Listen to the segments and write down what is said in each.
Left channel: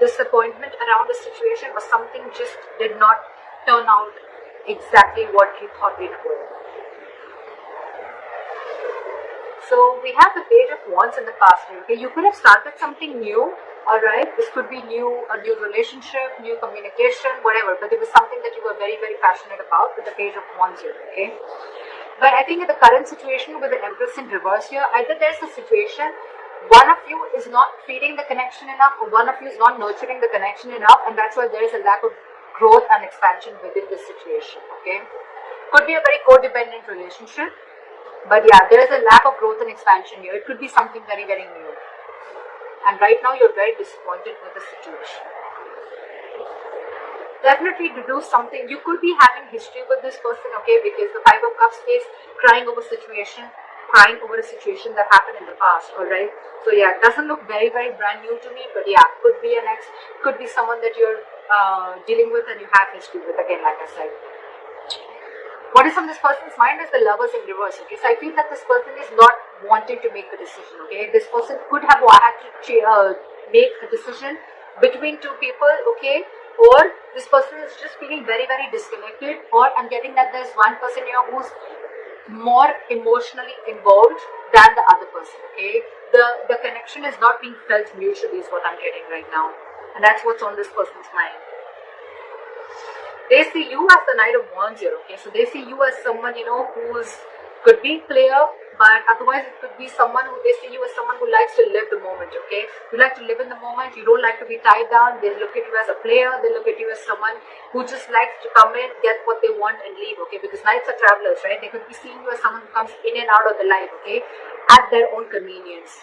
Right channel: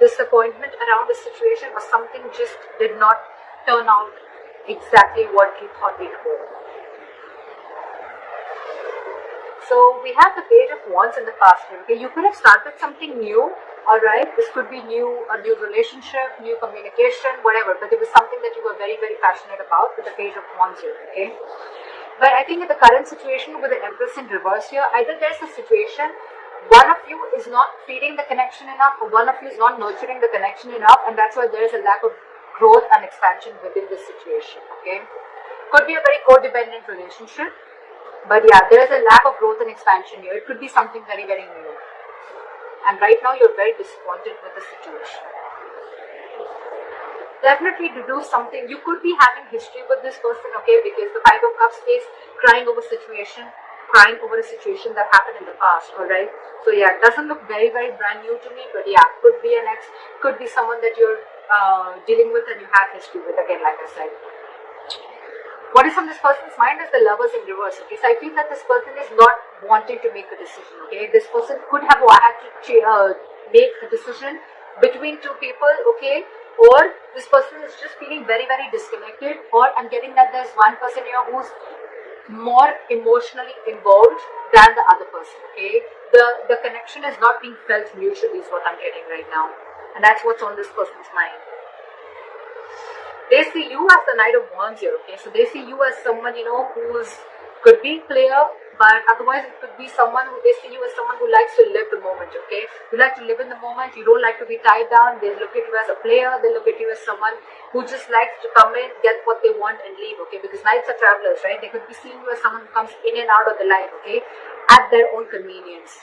disappointment around the situation, or something just did not turn out exactly what you thought it would. So we have the Page of Wands in the past. Okay, you could have started something new. Alright, this could be a new relationship, new communication, whatever, but it was something that you were very, very passionate about with the Page of Wands here, okay? But I think in the current situation with the Empress in reverse here, either there's a situation, one of you is not feeding the connection enough, or one of you is not nurturing the connection enough, and that's why there's a lack of growth and expansion within this situation, okay? Could be a very codependent relationship, but yeah, there's a lack of growth and expansion here. It could be something very, very new. And right now you're very disappointed with the situation. Definitely to do something. You could be having history with this person, okay, because the Five of Cups is crying over a situation that happened in the past, alright. So yeah, it doesn't look very, very brand new to me, but yeah, could be an ex, could be someone that you're dealing with and you have history with, again, like I said. What is on this person's mind is the Lovers in reverse, okay? So I feel that this person is not wanting to make a decision, okay? This person could have had to make a decision between two people, okay? Or this person is just feeling very, very disconnected, or I'm getting that there's one person here who's more emotionally involved than the other person, okay? The connection is not being felt mutually is what I'm getting right now. And that's what's on this person's mind. They see you as the Knight of Wands here, okay? So they see you as someone, you know, who's could be clear, but otherwise it could be someone who they see you as someone who likes to live the moment, okay? You like to live in the moment, you don't like to be tied down. They look at you as a player, they look at you as someone who just likes to come in, get what they want and leave, okay? Because Knights are travelers, right? They could be seeing you as someone who comes in and out of the life, okay? At their own convenience.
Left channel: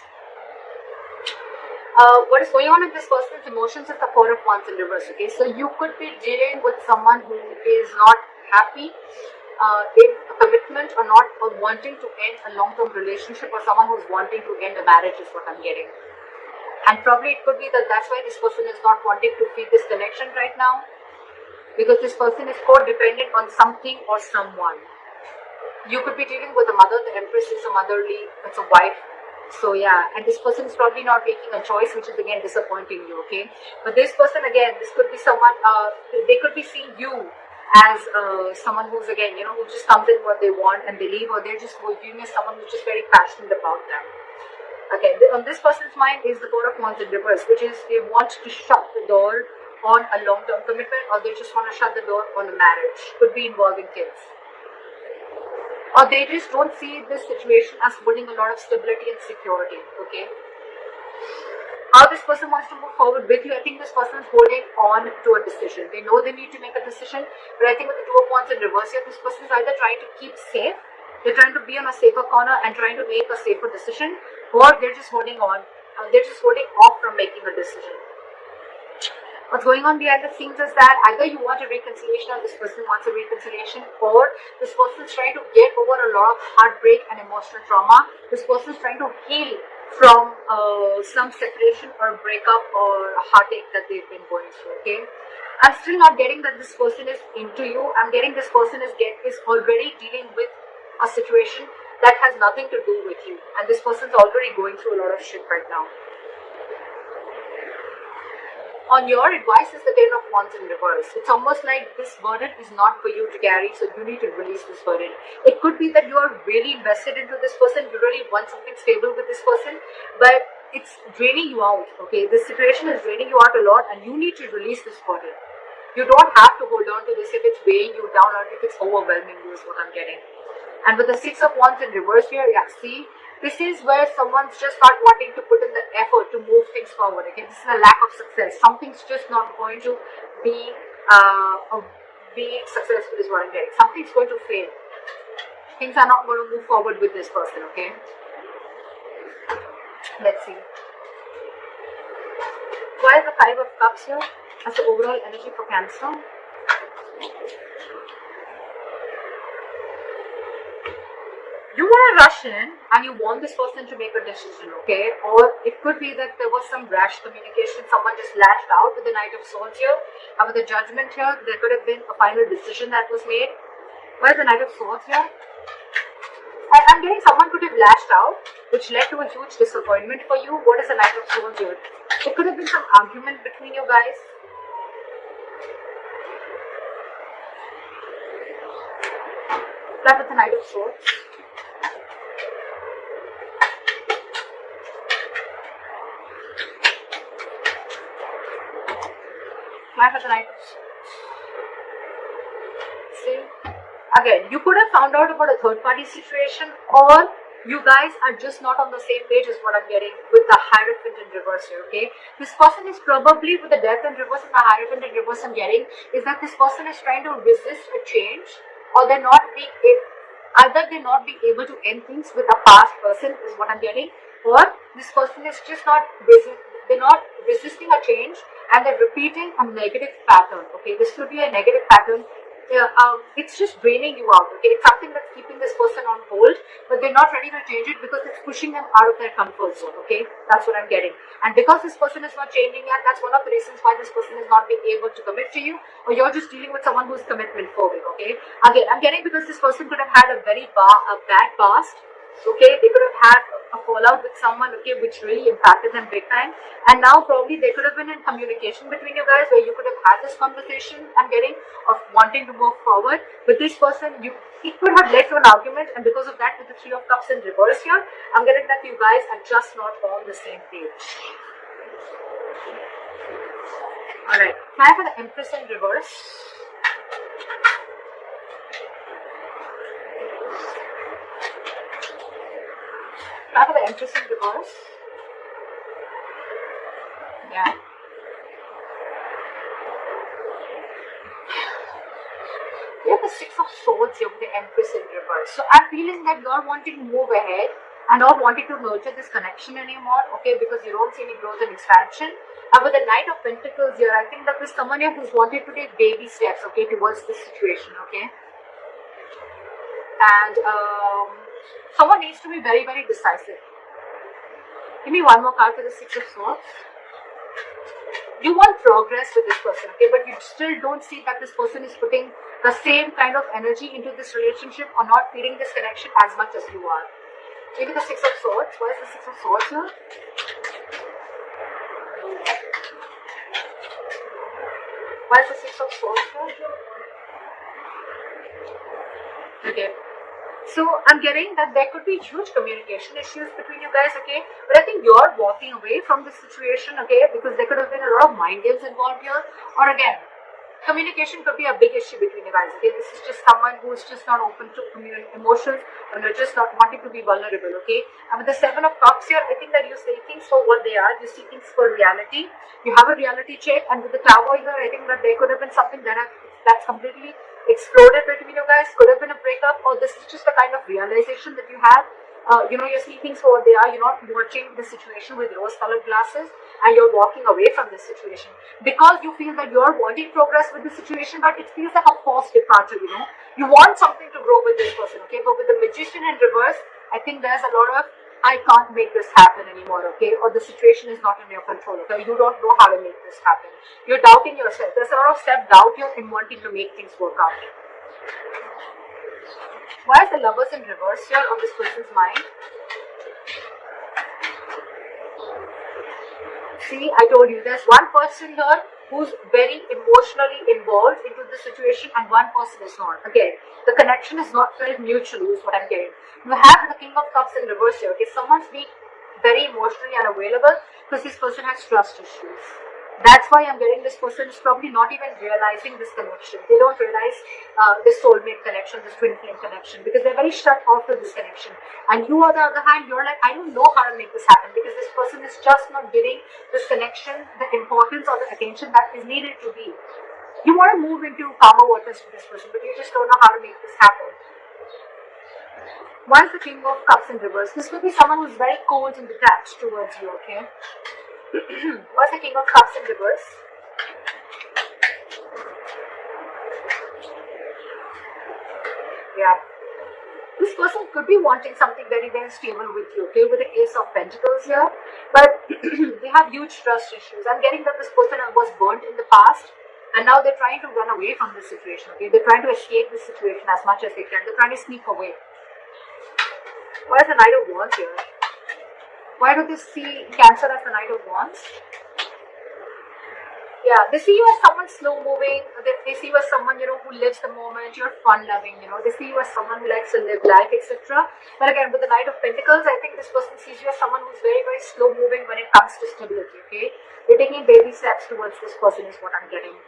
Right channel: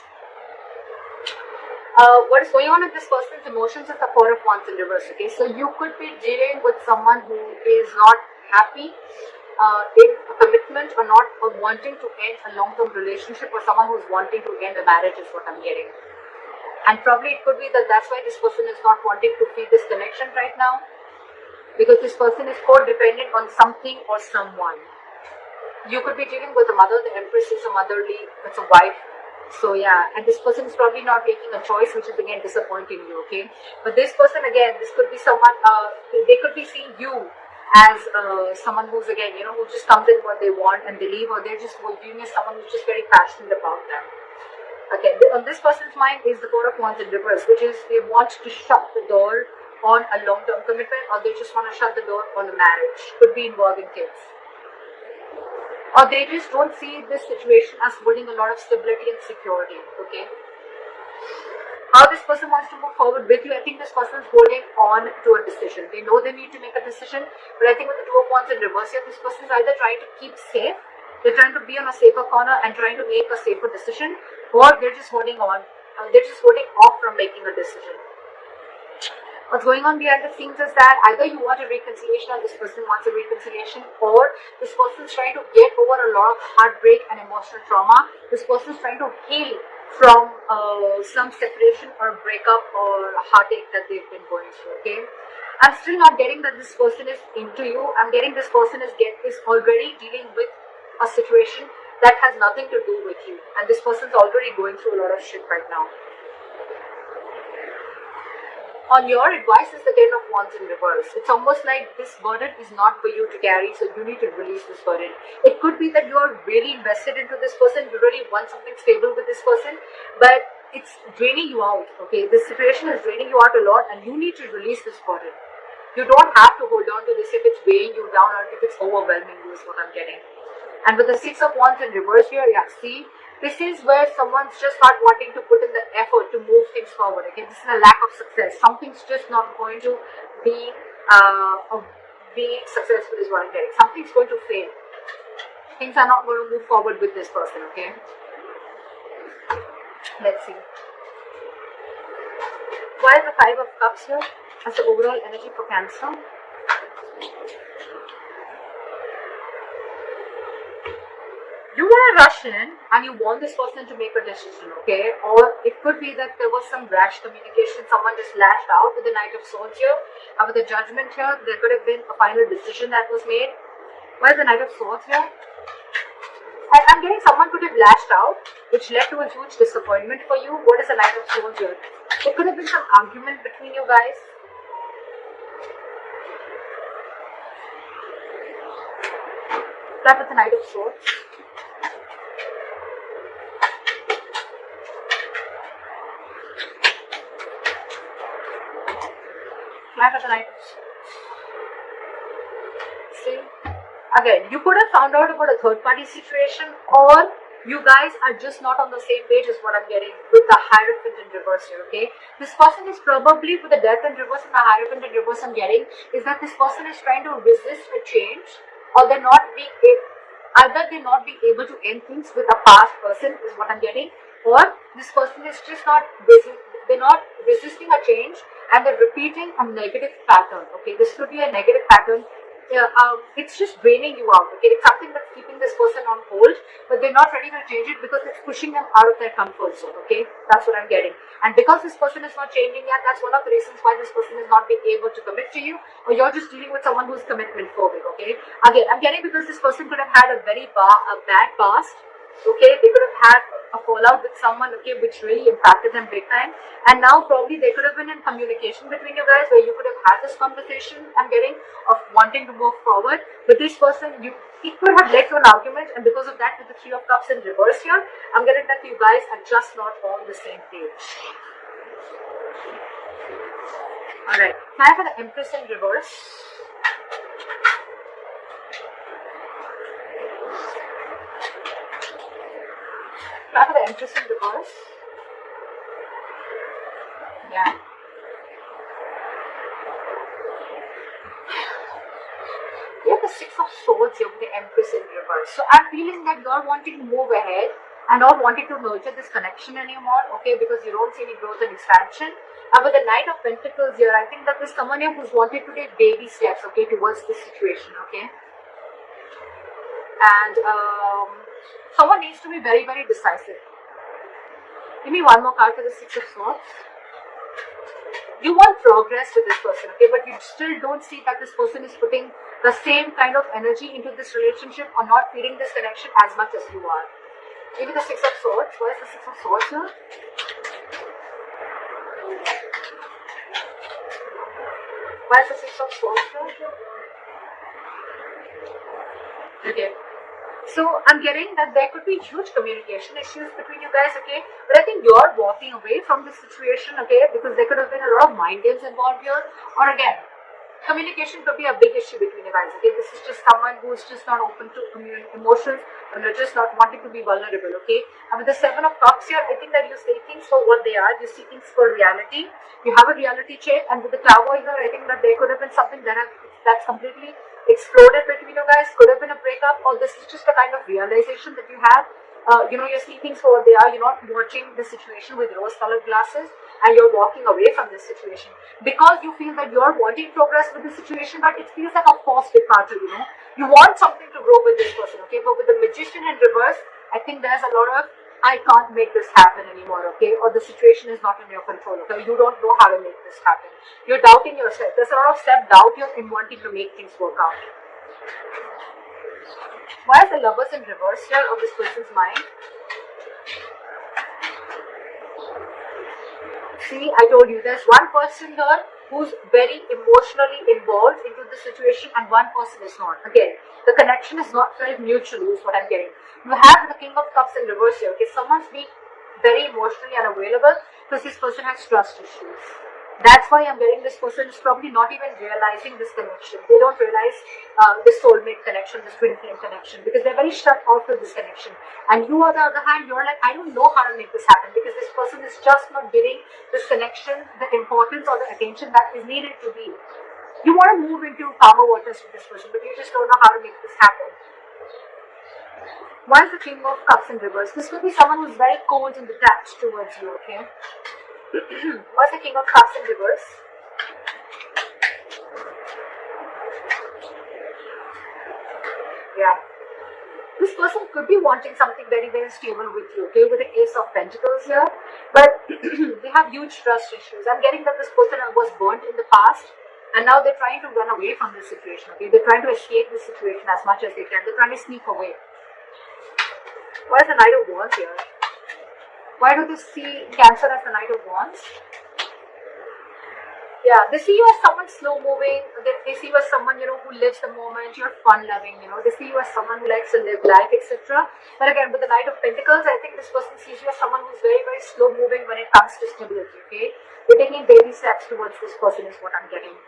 What is going on with this person's emotions is the Four of Wands in reverse, okay? So you could be dealing with someone who is not happy in a commitment or wanting to end a long-term relationship, or someone who's wanting to end a marriage is what I'm hearing. And probably it could be that that's why this person is not wanting to feel this connection right now, because this person is codependent on something or someone. You could be dealing with a mother. The Empress is a motherly, it's a wife. So yeah, and this person is probably not making a choice, which is again disappointing you, okay? But this person, again, this could be someone, they could be seeing you as someone who's, again, you know, who just comes in what they want and they leave, or they're just viewing as someone who's just very passionate about them. Okay, on this person's mind is the Four of Wands in reverse, which is they want to shut the door on a long-term commitment, or they just want to shut the door on a marriage. Could be involving kids. Or they just don't see this situation as holding a lot of stability and security, okay? How this person wants to move forward with you, I think this person is holding on to a decision. They know they need to make a decision, but I think with the Two of Wands in reverse here, this person is either trying to keep safe, they're trying to be on a safer corner and trying to make a safer decision, or they're just holding on, they're just holding off from making a decision. What's going on behind the scenes is that either you want a reconciliation or this person wants a reconciliation, or this person is trying to get over a lot of heartbreak and emotional trauma. This person is trying to heal from some separation or breakup or heartache that they've been going through, okay? I'm still not getting that this person is into you. I'm getting this person is already dealing with a situation that has nothing to do with you. And this person is already going through a lot of shit right now. On your advice is the Ten of Wands in reverse. It's almost like this burden is not for you to carry, so you need to release this burden. It could be that you're really invested into this person, you really want something stable with this person, but it's draining you out, okay? This situation is draining you out a lot and you need to release this burden. You don't have to hold on to this if it's weighing you down or if it's overwhelming you is what I'm getting. And with the Six of Wands in reverse here, yeah, see? This is where someone's just not wanting to put in the effort to move things forward. Okay, this is a lack of success. Something's just not going to be successful is what I'm getting. Something's going to fail. Things are not going to move forward with this person. Okay, let's see. Why is the Five of Cups here as the overall energy for Cancer? You want to rush in and you want this person to make a decision, okay? Or it could be that there was some rash communication, someone just lashed out with the Knight of Swords here, and with the Judgment here, there could have been a final decision that was made. Where's the Knight of Swords here? I'm getting someone could have lashed out, which led to a huge disappointment for you. What is the Knight of Swords here? There could have been some argument between you guys. Start with the Knight of Swords. Start with the Knight of Swords. See? Again, you could have found out about a third party situation, or you guys are just not on the same page is what I'm getting with the Hierophant in reverse here, okay? This person is probably, with the Death in reverse and the Hierophant in reverse I'm getting, is that this person is trying to resist a change, or they're not being able, either they're not being able to end things with a past person is what I'm getting, or this person is just not they're not resisting a change and they're repeating a negative pattern, okay? This could be a negative pattern. It's just draining you out, okay? It's something that's keeping this person on hold, but they're not ready to change it because it's pushing them out of their comfort zone, okay? That's what I'm getting. And because this person is not changing yet, that's one of the reasons why this person is not being able to commit to you, or you're just dealing with someone who's commitment phobic, okay? Again, I'm getting because this person could have had a very bad past, okay? They could have had a fallout with someone, okay, which really impacted them big time. And now probably they could have been in communication between you guys where you could have had this conversation, I'm getting, of wanting to move forward. But this person, it could have led to an argument, and because of that, with the Three of Cups in reverse here, I'm getting that you guys are just not on the same page. Alright, time for the Empress in reverse. Time for the Empress in reverse. Yeah. You have the Six of Swords here with the Empress in reverse. So I'm feeling that you're wanting to move ahead and not wanting to nurture this connection anymore, okay, because you don't see any growth and expansion. And with the Knight of Pentacles here, I think that there's someone here who's wanted to take baby steps, okay, towards this situation, okay. And someone needs to be very, very decisive. Give me one more card for the Six of Swords. You want progress with this person, okay, but you still don't see that this person is putting the same kind of energy into this relationship or not feeding this connection as much as you are. Maybe the Six of Swords. Where is the Six of Swords here? Where is the Six of Swords here? Okay. So I'm getting that there could be huge communication issues between you guys, okay? But I think you're walking away from this situation, okay? Because there could have been a lot of mind games involved here. Or again, communication could be a big issue between you guys, okay? This is just someone who is just not open to emotions, and you're just not wanting to be vulnerable, okay? And with the Seven of Cups here, I think that you see things for what they are. You see things for reality. You have a reality check, and with the Tower here, I think that there could have been something that's completely exploded between you guys. Could have been a breakup, or this is just a kind of realization that you have. You see things for what they are. You're not watching the situation with rose-colored glasses, and you're walking away from this situation because you feel that you're wanting progress with the situation, but it feels like a forced departure. You want something to grow with this person, okay? But with the Magician in reverse, I think there's a lot of I can't make this happen anymore, okay? Or the situation is not in your control, okay? You don't know how to make this happen. You're doubting yourself. There's a lot of self-doubt here in wanting to make things work out. Why is the Lovers in reverse here of this person's mind? See, I told you, there's one person here who's very emotionally involved into the situation and one person is not. Again, the connection is not felt mutual is what I'm getting. You have the King of Cups in reverse here. Okay, someone's being very emotionally unavailable because this person has trust issues. That's why I'm getting this person is probably not even realizing this connection. They don't realize this soulmate connection, this twin flame connection, because they're very shut off with this connection. And you, on the other hand, you're like, I don't know how to make this happen because this person is just not giving this connection the importance or the attention that is needed to be. You want to move into power waters with this person, but you just don't know how to make this happen. Why is the King of Cups in reverse? This could be someone who's very cold and detached towards you, okay? What's the King of Cups in reverse? Yeah. This person could be wanting something very, very stable with you, okay? With the Ace of Pentacles here. But they have huge trust issues. I'm getting that this person was burnt in the past. And now they're trying to run away from this situation, okay? They're trying to escape this situation as much as they can. They're trying to sneak away. What is the Knight of Wands here? Why do they see Cancer as the Knight of Wands? Yeah, they see you as someone slow moving. They see you as someone, who lives the moment. You're fun loving. They see you as someone who likes to live life, etc. And again, with the Knight of Pentacles, I think this person sees you as someone who's very, very slow moving when it comes to stability. Okay, you're taking baby steps towards this person is what I'm getting.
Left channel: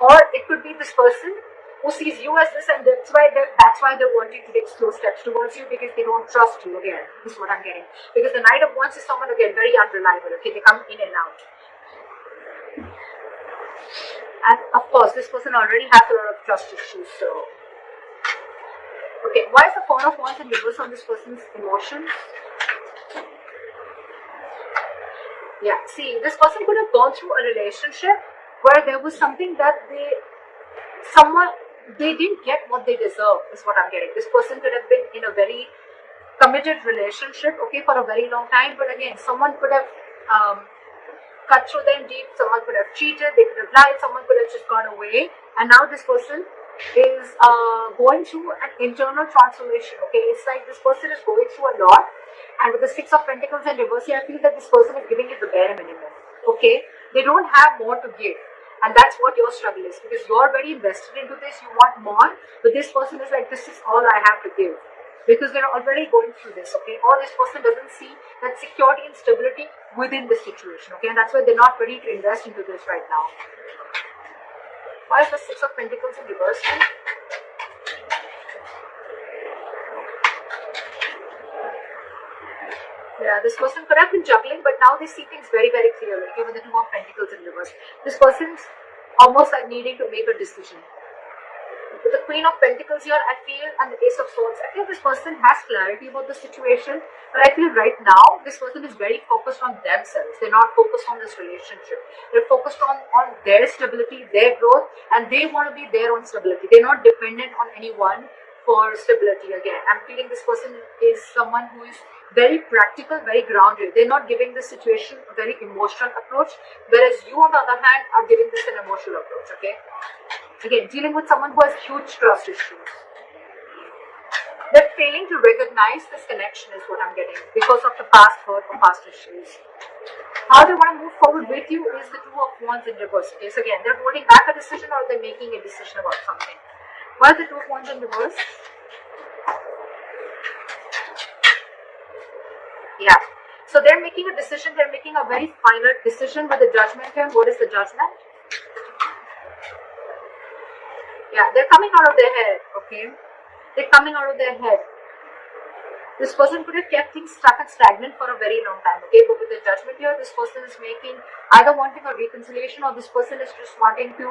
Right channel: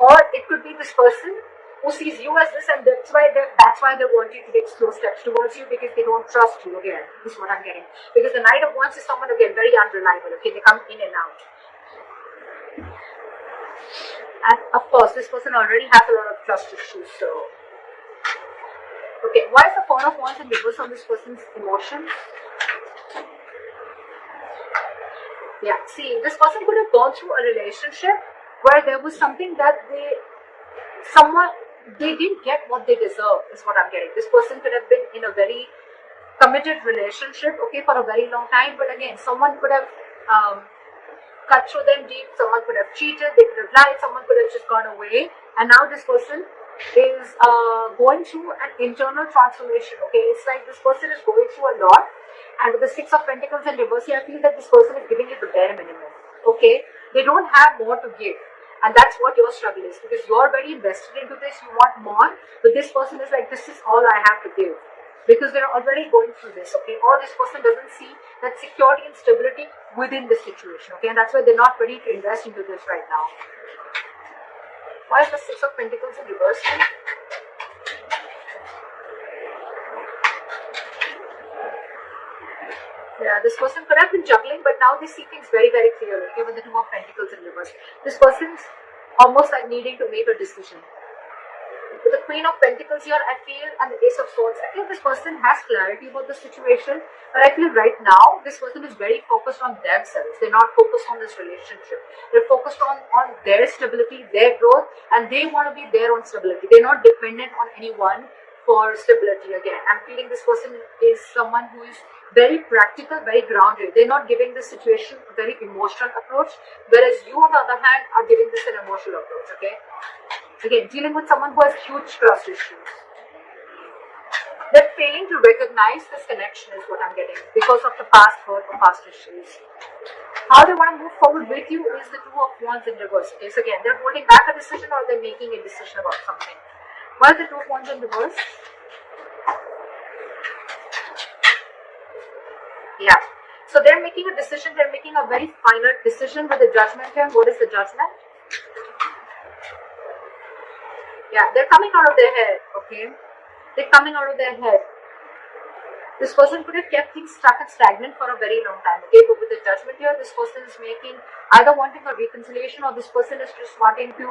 Or it could be this person who sees you as this, and that's why they're wanting to take slow steps towards you, because they don't trust you. Again, this is what I'm getting. Because the Knight of Wands is someone, again, very unreliable. Okay, they come in and out. And of course, this person already has a lot of trust issues. So, okay, why is the Four of Wands in reverse on this person's emotions? Yeah, see, this person could have gone through a relationship where there was something that they didn't get what they deserve, is what I'm getting. This person could have been in a very committed relationship, okay, for a very long time, but again, someone could have cut through them deep, someone could have cheated, they could have lied, someone could have just gone away, and now this person is going through an internal transformation, okay. It's like this person is going through a lot, and with the Six of Pentacles in reverse, I feel that this person is giving it the bare minimum, okay. They don't have more to give, and that's what your struggle is, because you're very invested into this, you want more, but this person is like, this is all I have to give, because they're already going through this, okay. Or this person doesn't see that security and stability within the situation, okay, and that's why they're not ready to invest into this right now. Why is the Six of Pentacles in reverse? Yeah, this person could have been juggling, but now they see things very, very clearly, okay, with the Two of Pentacles in reverse. This person's almost like needing to make a decision. With the Queen of Pentacles here, I feel, and the Ace of Swords, I think this person has clarity about the situation, but I feel right now, this person is very focused on themselves. They're not focused on this relationship. They're focused on their stability, their growth, and they want to be their own stability. They're not dependent on anyone for stability. Again, I'm feeling this person is someone who is very practical, very grounded. They're not giving the situation a very emotional approach, whereas you, on the other hand, are giving this an emotional approach, okay? Again, dealing with someone who has huge trust issues. They're failing to recognize this connection is what I'm getting because of the past hurt or past issues. How they want to move forward with you is the Two of Wands in reverse. Okay, so again, they're holding back a decision or they're making a decision about something. Why the Two of Wands in reverse? Yeah. So they're making a decision, they're making a very final decision with the Judgment here. What is the Judgment? Yeah, they're coming out of their head, okay? They're coming out of their head. This person could have kept things stuck and stagnant for a very long time, okay? But with the Judgment here, this person is making, either wanting a reconciliation or this person is just wanting to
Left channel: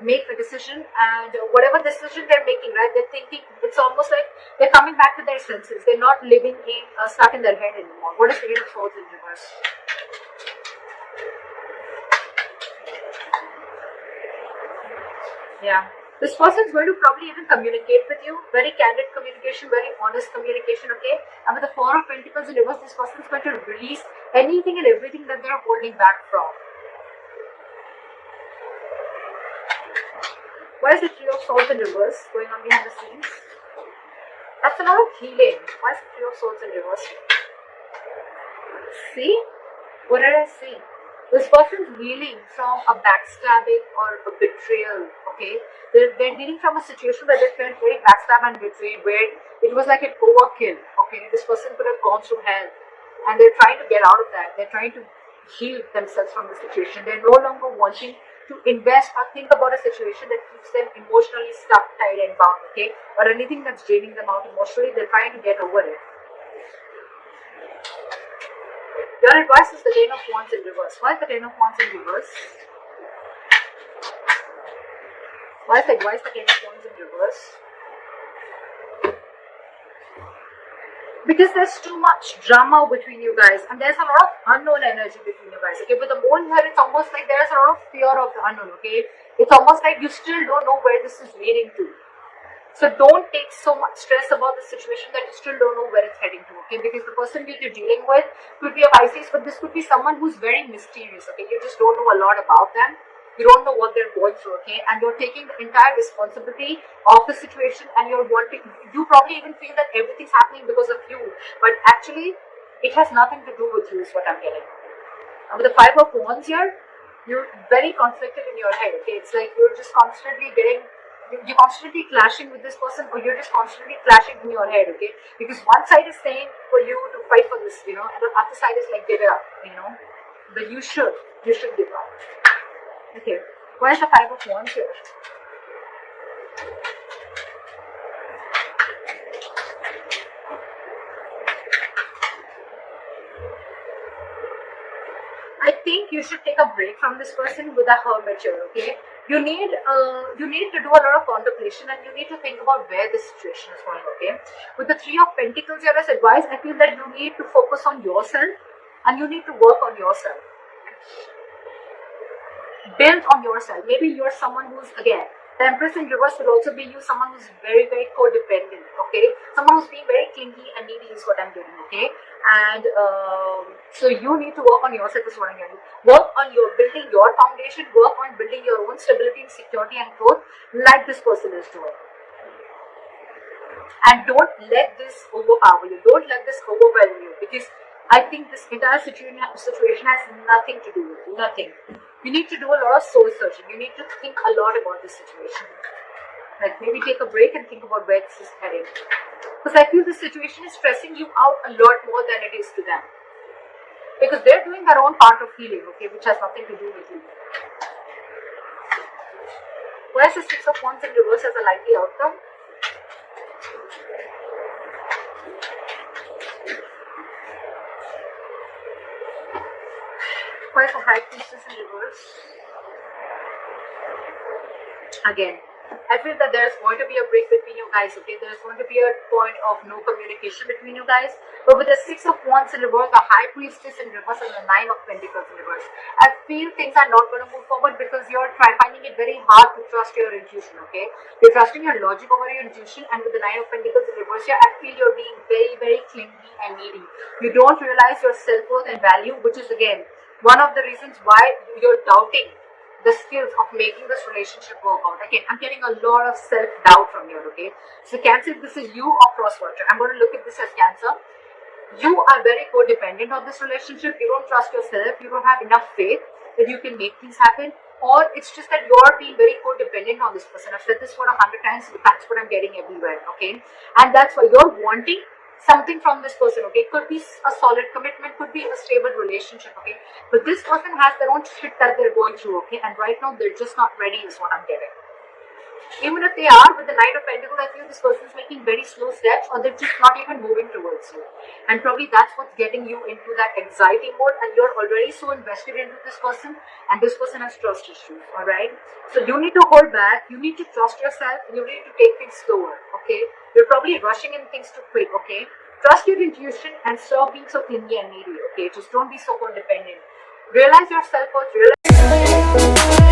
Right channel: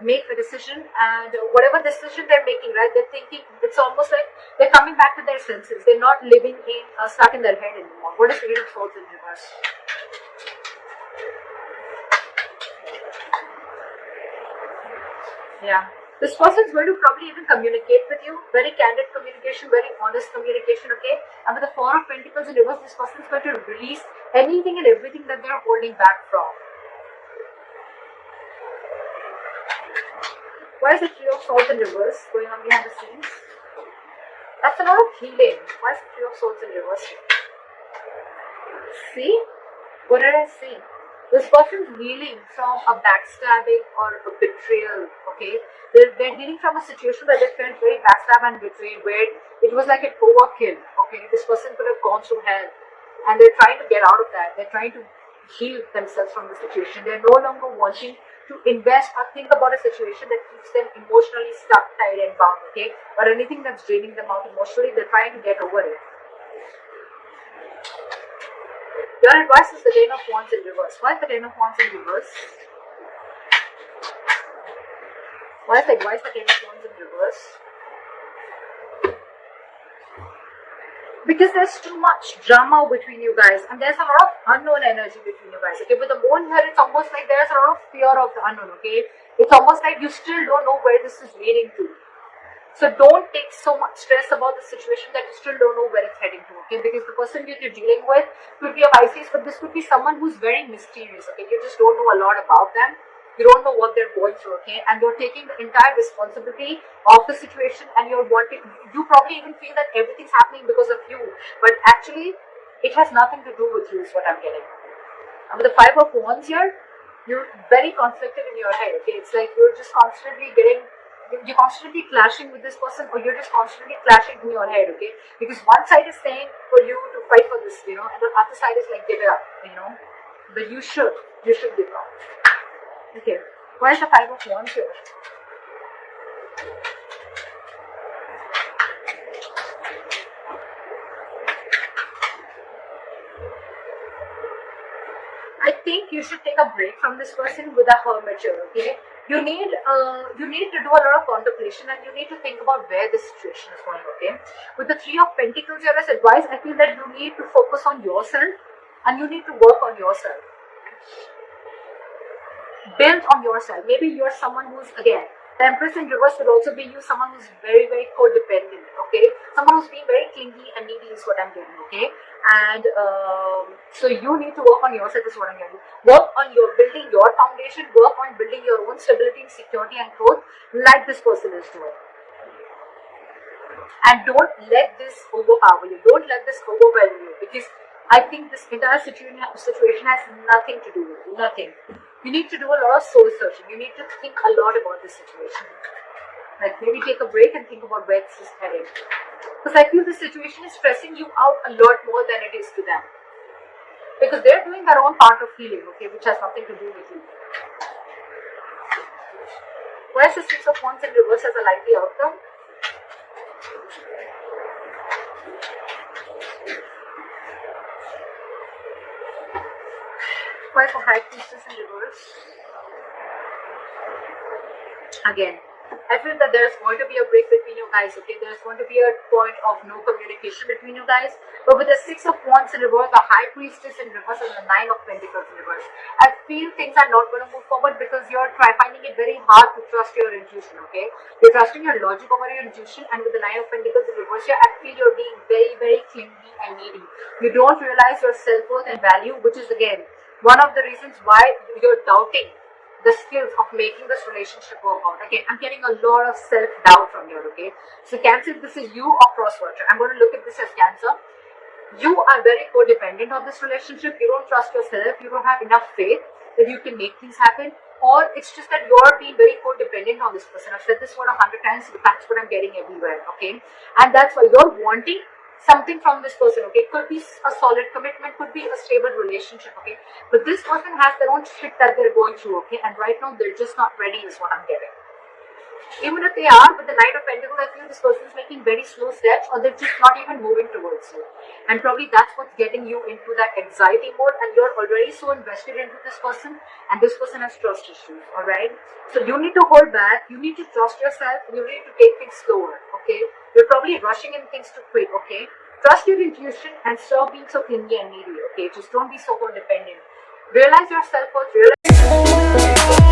make a decision, and whatever decision they're making, right, they're thinking, it's almost like they're coming back to their senses. They're not living in, stuck in their head anymore. What is the Wheel of Swords in reverse? Yeah. This person is going to probably even communicate with you, very candid communication, very honest communication, okay? And with the Four of Pentacles in reverse, this person is going to release anything and everything that they're holding back from. Why is the Three of Swords in reverse going on behind the scenes? That's a lot of healing. Why is the Three of Swords in reverse? See? What did I see? This person is healing from a backstabbing or a betrayal, okay? They're healing from a situation that they felt very backstabbed and betrayed, where it was like an overkill, okay? This person could have gone through hell, and they're trying to get out of that. They're trying to heal themselves from the situation. They're no longer wanting to invest or think about a situation that keeps them emotionally stuck, tied and bound, okay? Or anything that's draining them out emotionally, they're trying to get over it. Your advice is the Ten of Wands in reverse. Why is the Ten of Wands in reverse? Why is the advice the Ten of Wands in reverse? Because there's too much drama between you guys, and there's a lot of unknown energy between you guys. Okay, with the moon here, it's almost like there's a lot of fear of the unknown. Okay, it's almost like you still don't know where this is leading to. So don't take so much stress about the situation that you still don't know where it's heading to. Okay, because the person you're dealing with could be a Pisces, but this could be someone who's very mysterious. Okay, you just don't know a lot about them. You don't know what they're going through, okay? And you're taking the entire responsibility of the situation, and you probably even feel that everything's happening because of you, but actually it has nothing to do with you, is what I'm getting. With the 5 of Wands here, you're very conflicted in your head, okay? It's like you're constantly clashing with this person, or you're just constantly clashing in your head, okay? Because one side is saying for you to fight for this, and the other side is like, give it up, but you should give up. Okay, what is the 5 of Wands here? I think you should take a break from this person with a hermiture, okay? You need to do a lot of contemplation, and you need to think about where this situation is going, okay? With the 3 of Pentacles here as advice, I feel that you need to focus on yourself, and you need to work on yourself. Build on yourself. Maybe you're someone who's, again, the Empress in reverse would also be you, someone who's very, very codependent, okay? Someone who's being very clingy and needy is what I'm getting, okay? And so you need to work on yourself is what I'm getting. Work on building your foundation, work on building your own stability and security and growth like this person is doing. And don't let this overpower you. Don't let this overwhelm you, because I think this entire situation has nothing to do with you. Nothing. You need to do a lot of soul searching. You need to think a lot about this situation. Like maybe take a break and think about where this is heading. Because I feel this situation is stressing you out a lot more than it is to them. Because they're doing their own part of healing, okay, which has nothing to do with you. Why is the 6 of Wands in reverse as a likely outcome? Why is the High Priestess in reverse? Again, I feel that there's going to be a break between you guys, okay? There's going to be a point of no communication between you guys. But with the 6 of Wands in reverse, the High Priestess in reverse, and the 9 of Pentacles in reverse, I feel things are not going to move forward because you're finding it very hard to trust your intuition, okay? You're trusting your logic over your intuition, and with the 9 of Pentacles in reverse here, I feel you're being very, very clingy and needy. You don't realize your self-worth and value, which is, again, one of the reasons why you're doubting the skills of making this relationship work out. Again, I'm getting a lot of self-doubt from here, okay? So Cancer, if this is you or cross-watcher, I'm going to look at this as Cancer. You are very codependent on this relationship. You don't trust yourself. You don't have enough faith that you can make things happen. Or it's just that you're being very codependent on this person. I've said this word 100 times, but that's what I'm getting everywhere, okay? And that's why you're wanting something from this person, okay? It could be a solid commitment, could be a stable relationship, okay? But this person has their own shit that they're going through, okay? And right now, they're just not ready is what I'm getting. Even if they are, with the Knight of Pentacles, I feel this person's making very slow steps, or they're just not even moving towards you. And probably that's what's getting you into that anxiety mode, and you're already so invested into this person, and this person has trust issues, alright? So you need to hold back, you need to trust yourself, and you need to take things slower, okay? You're probably rushing in things too quick, okay? Trust your intuition and stop being so clingy and needy, okay? Just don't be so codependent. Realize your self-worth, realize